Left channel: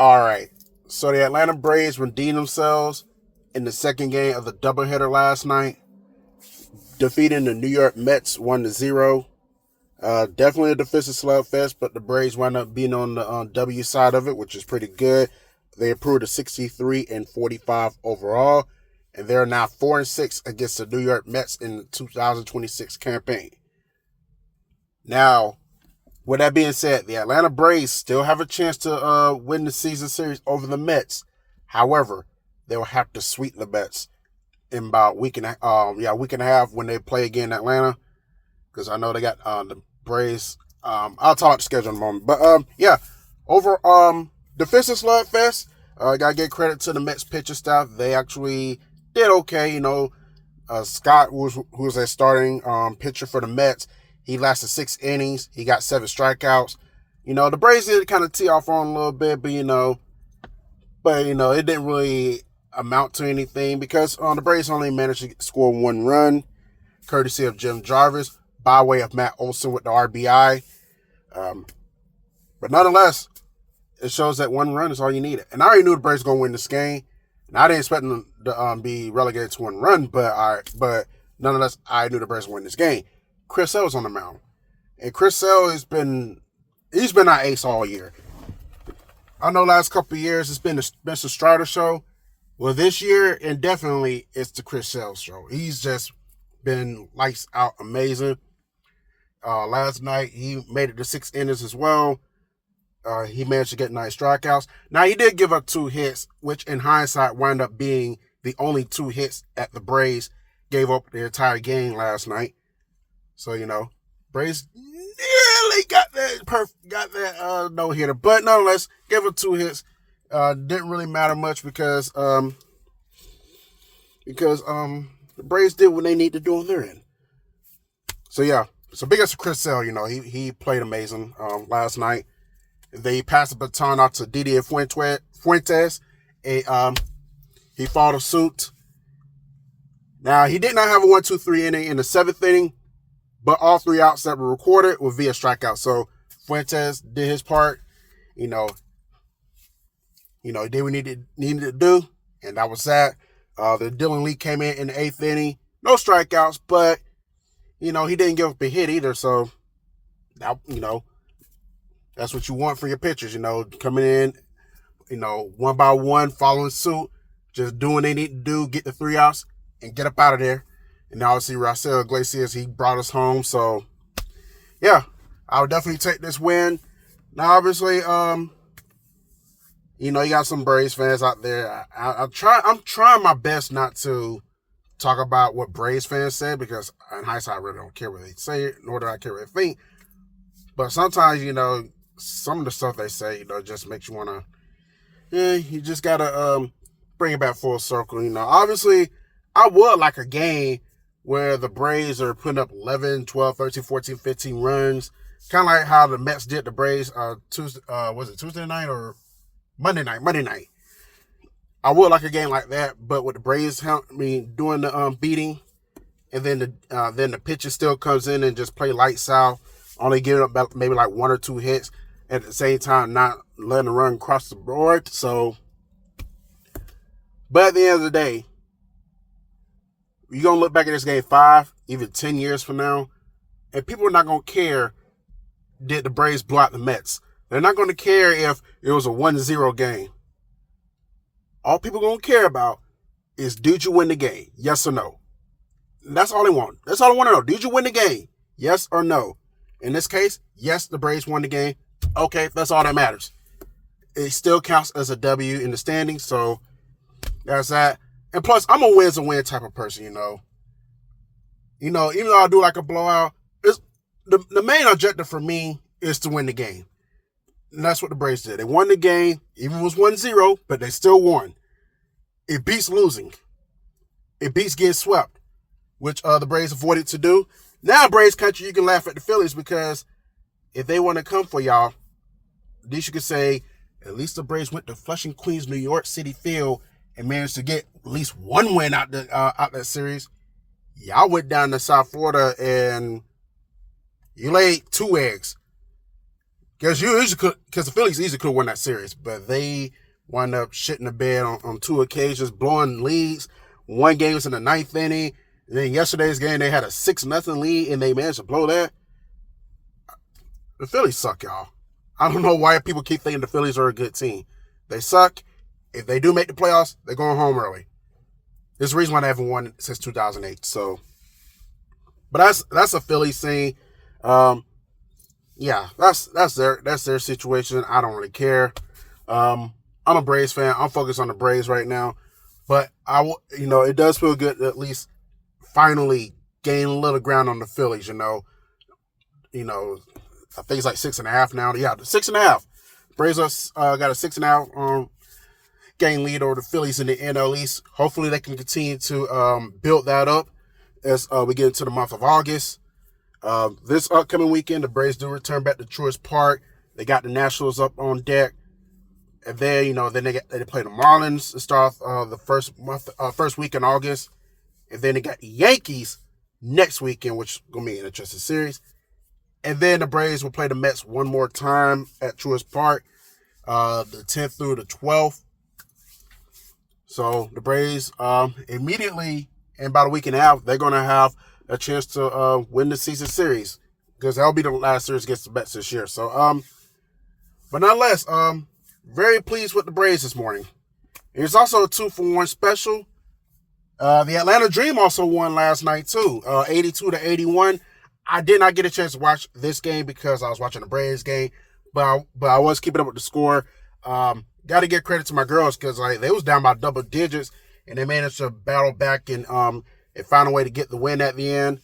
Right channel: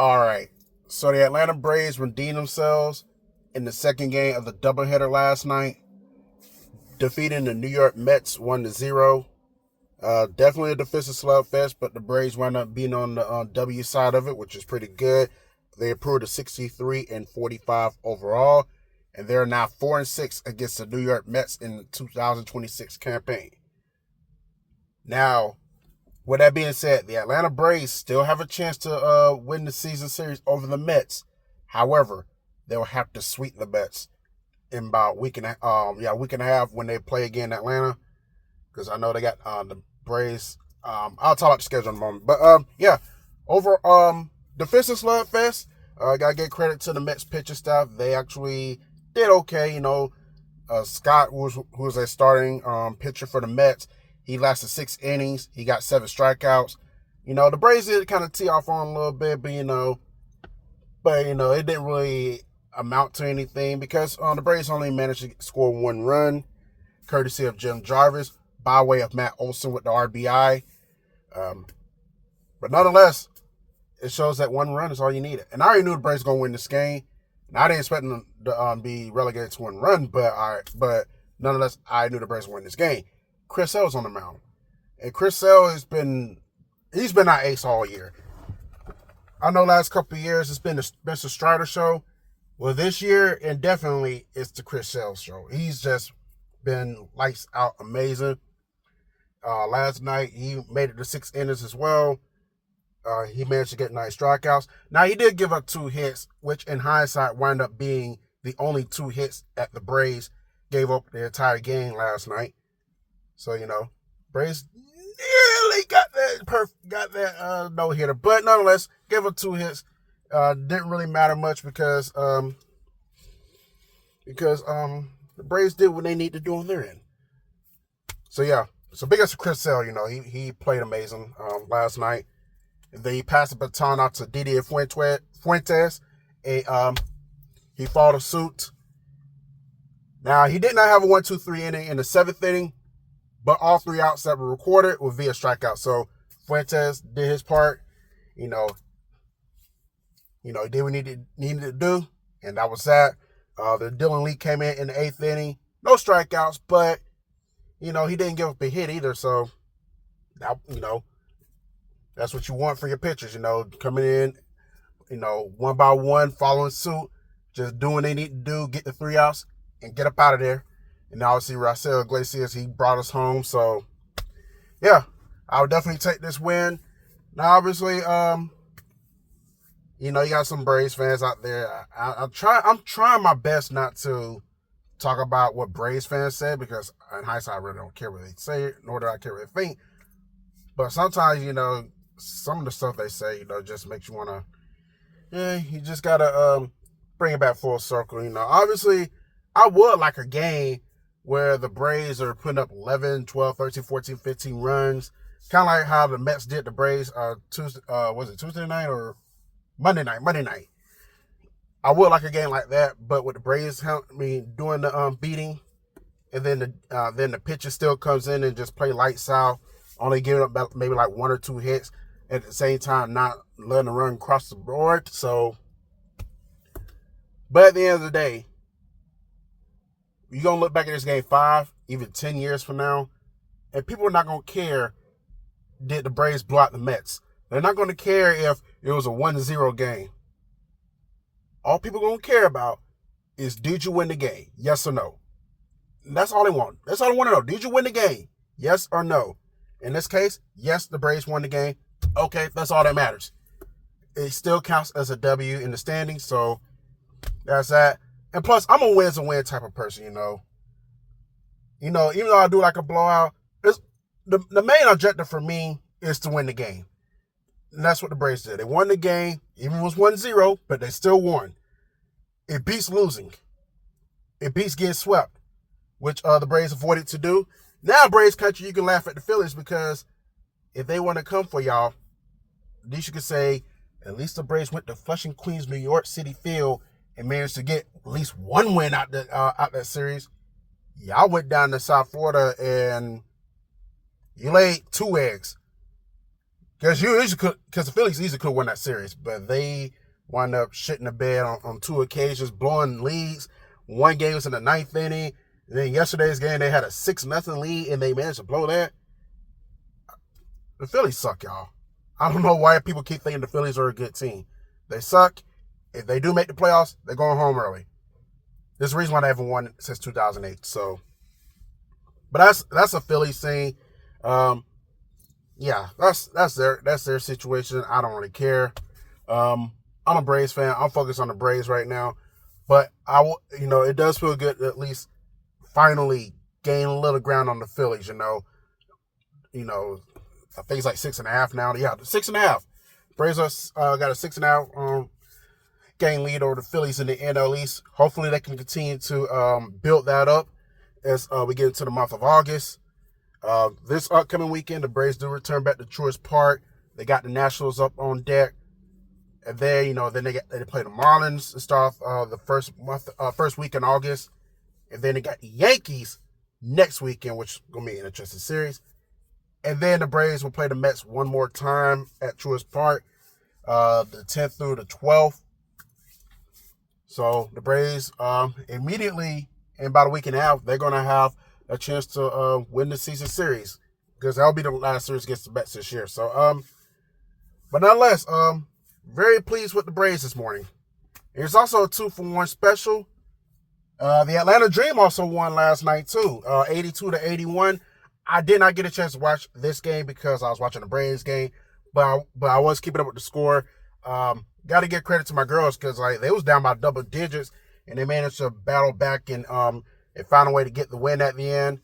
All right. So the Atlanta Braves redeemed themselves in the second game of the doubleheader last night, defeating the New York Mets 1-0. Definitely a defensive slugfest, but the Braves wound up being on the W side of it, which is pretty good. They improved to 63-45 overall, and they're now 4-6 against the New York Mets in the 2026 campaign. Now, with that being said, the Atlanta Braves still have a chance to win the season series over the Mets. However, they'll have to sweep the Mets in about week and a half when they play again in Atlanta, because I know they got the Braves. I'll talk about the schedule in a moment, but over defensive slugfest. Gotta give credit to the Mets pitcher staff. They actually did okay. Scott who was a starting pitcher for the Mets. He lasted 6 innings. He got 7 strikeouts. The Braves did kind of tee off on a little bit, but it didn't really amount to anything because the Braves only managed to score 1 run, courtesy of Jim Jarvis, by way of Matt Olson with the RBI. But nonetheless, it shows that 1 run is all you needed. And I already knew the Braves were going to win this game. And I didn't expect them to be relegated to 1 run, but nonetheless, I knew the Braves would win this game. Chris Sale's on the mound. And Chris Sale he's been our ace all year. I know last couple of years it's been the Spencer Strider show. Well, this year, indefinitely, it's the Chris Sale show. He's just been lights out amazing. Last night, he made it to 6 innings as well. He managed to get 9 strikeouts. Now, he did give up 2 hits, which in hindsight wound up being the only 2 hits that the Braves gave up the entire game last night. So, Braves nearly got that no-hitter. But nonetheless, gave up 2 hits. Didn't really matter much because the Braves did what they need to do on their end. So, yeah. So, big ups to Chris Sale. He played amazing last night. They passed the baton out to Didier Fuentes. He followed suit. Now, he did not have a 1-2-3 inning in the 7th inning, but all 3 outs that were recorded were via strikeout. So, Fuentes did his part. He did what he needed to do, and that was that. The Dylan Lee came in the 8th inning. No strikeouts, but, he didn't give up a hit either. So, that's what you want for your pitchers, coming in, one by one, following suit, just doing what they need to do, get the 3 outs, and get up out of there. And obviously, Raisel Iglesias, he brought us home. So, yeah, I would definitely take this win. Now, obviously, you got some Braves fans out there. I'm trying my best not to talk about what Braves fans said because in hindsight, I really don't care what they say, nor do I care what they think. But sometimes, some of the stuff they say, just makes you want to, you just got to bring it back full circle. Obviously, I would like a game where the Braves are putting up 11, 12, 13, 14, 15 runs. Kind of like how the Mets did the Braves Tuesday, was it Tuesday night or Monday night? Monday night. I would like a game like that, but with the Braves, doing the beating, and then the pitcher still comes in and just play lights out, only giving up maybe like 1 or 2 hits at the same time, not letting the run cross the board. So, but at the end of the day, you're going to look back at this game 5, even 10 years from now, and people are not going to care, did the Braves blow out the Mets? They're not going to care if it was a 1-0 game. All people are going to care about is, did you win the game? Yes or no? That's all they want. That's all I want to know. Did you win the game? Yes or no? In this case, yes, the Braves won the game. Okay, that's all that matters. It still counts as a W in the standings, so that's that. And plus, I'm a wins and win type of person, even though I do like a blowout, the main objective for me is to win the game. And that's what the Braves did. They won the game, even if it was 1-0, but they still won. It beats losing. It beats getting swept, which the Braves avoided to do. Now, Braves country, you can laugh at the Phillies because if they want to come for y'all, at least you could say, at least the Braves went to Flushing, Queens, New York City Field and managed to get at least 1 win out that series. Y'all went down to South Florida and you laid 2 eggs. Because the Phillies easily could have won that series, but they wound up shitting the bed on 2 occasions, blowing leads. One game was in the 9th inning. And then yesterday's game, they had a 6-0 lead, and they managed to blow that. The Phillies suck, y'all. I don't know why people keep thinking the Phillies are a good team. They suck. If they do make the playoffs, they're going home early. There's a reason why they haven't won since 2008. So, but that's a Phillies thing. Yeah, that's their situation. I don't really care. I'm a Braves fan. I'm focused on the Braves right now, but it does feel good to at least finally gain a little ground on the Phillies. I think it's like 6.5 now. Yeah, 6.5. Braves got a 6.5 game lead over the Phillies in the NL East. Hopefully, they can continue to build that up as we get into the month of August. This upcoming weekend, the Braves do return back to Truist Park. They got the Nationals up on deck, and then then they play the Marlins to start the first week in August, and then they got the Yankees next weekend, which is gonna be an interesting series. And then the Braves will play the Mets one more time at Truist Park, the 10th through the 12th. So the Braves immediately, in about a week and a half, they're going to have a chance to win the season series, because that'll be the last series against the Mets this year. So, but nonetheless, very pleased with the Braves this morning. It's also a 2-for-1 special. The Atlanta Dream also won last night too, 82-81. I did not get a chance to watch this game because I was watching the Braves game, but I was keeping up with the score. Got to give credit to my girls, because they was down by double digits, and they managed to battle back and found a way to get the win at the end.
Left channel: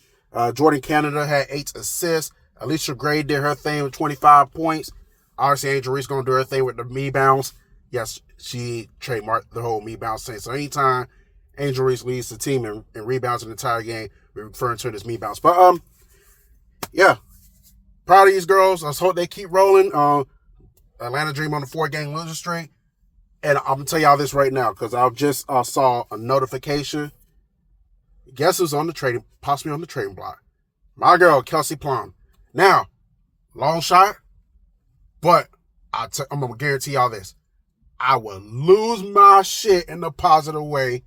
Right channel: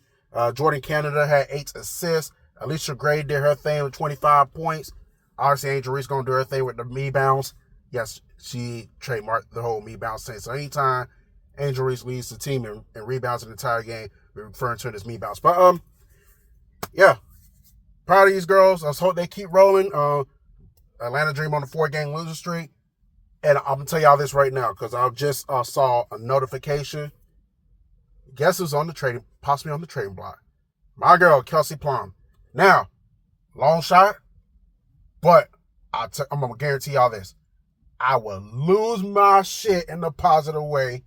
Jordan Canada had 8 assists. Alicia Gray did her thing with 25 points. Obviously, Angel Reese going to do her thing with the me bounce. Yes, she trademarked the whole me bounce thing. So anytime Angel Reese leads the team and rebounds an entire game, we're referring to it as me bounce. But yeah, proud of these girls. Let's hope they keep rolling. Atlanta Dream on the 4-game losing streak. And I'm going to tell y'all this right now, because I just saw a notification. Guess who's possibly on the trading block? My girl, Kelsey Plum. Now, long shot, but I'm going to guarantee y'all this. I will lose my shit in a positive way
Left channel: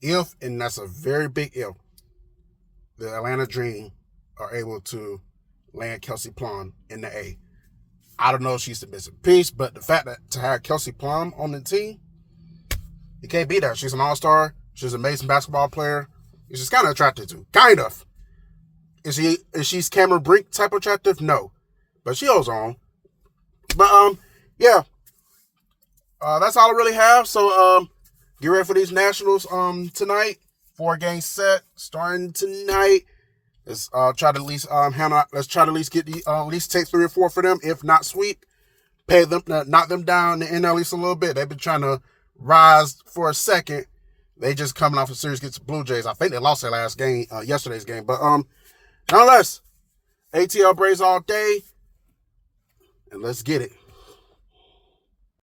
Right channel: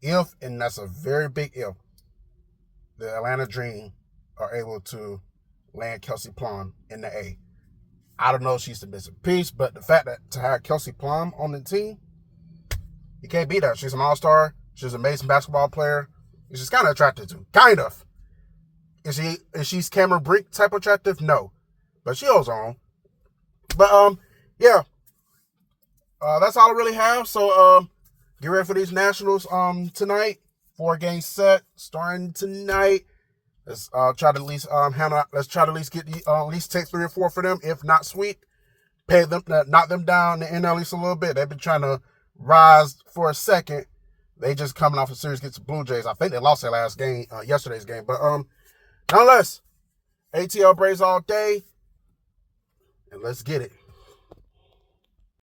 if, and that's a very big if, the Atlanta Dream are able to land Kelsey Plum in the A. I don't know if she's the missing piece, but the fact that to have Kelsey Plum on the team, you can't beat that. She's an all-star. She's an amazing basketball player. She's kind of attractive too. Kind of. Is she's Cameron Brink type of attractive? No. But she holds on. But yeah. That's all I really have. So get ready for these Nationals tonight. 4-game set starting tonight. Let's try to at least let's try to at least get the at least take 3 or 4 for them, if not sweep. Pay them, knock them down in NL East a little bit. They've been trying to rise for a second. They just coming off a series against the Blue Jays. I think they lost their last game, yesterday's game. But nonetheless, ATL Braves all day, and let's get it.